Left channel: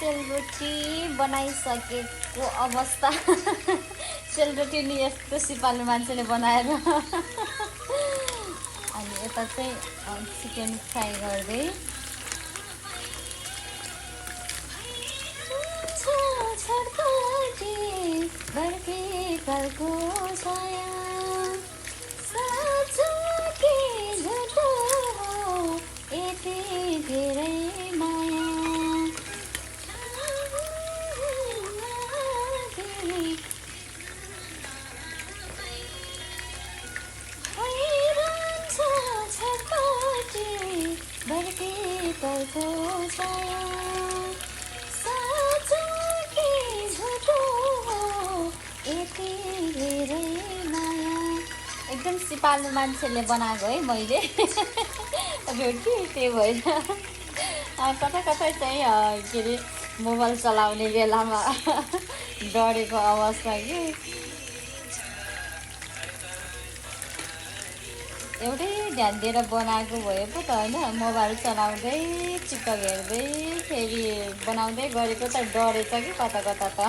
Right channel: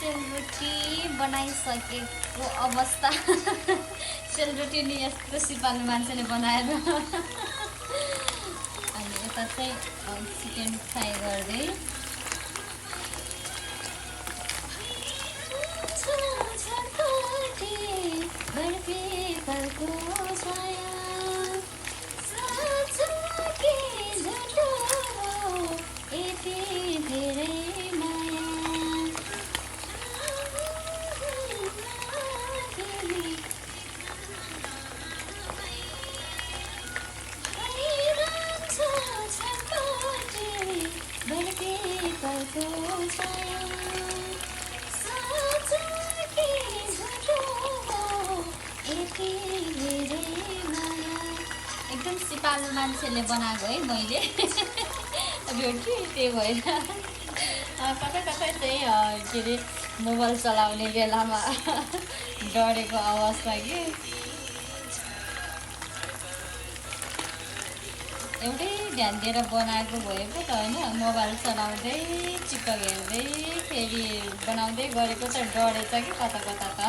सेलरोटी बनाइसकेको अवस्था। सेलरोटी नि यस्तो सिपालु मान्छेले बनाएर। अनि यता चाहिँ चिकन फ्राई गर्दै एकदम सिपालु मान्छेले बनाएको है मैले रोटी। त्यही भएर कता कता चाहिँ के अरे मोबाइल चलाउने बेलामा डढेको अवस्था कि। एउटै ध्यान दिएर बनाएको भए पो त होइन, मोबाइल चलाउँदै चिकन हेर्दै फेरि बनाउँदै गरेको त डढेछ कि कता कता त।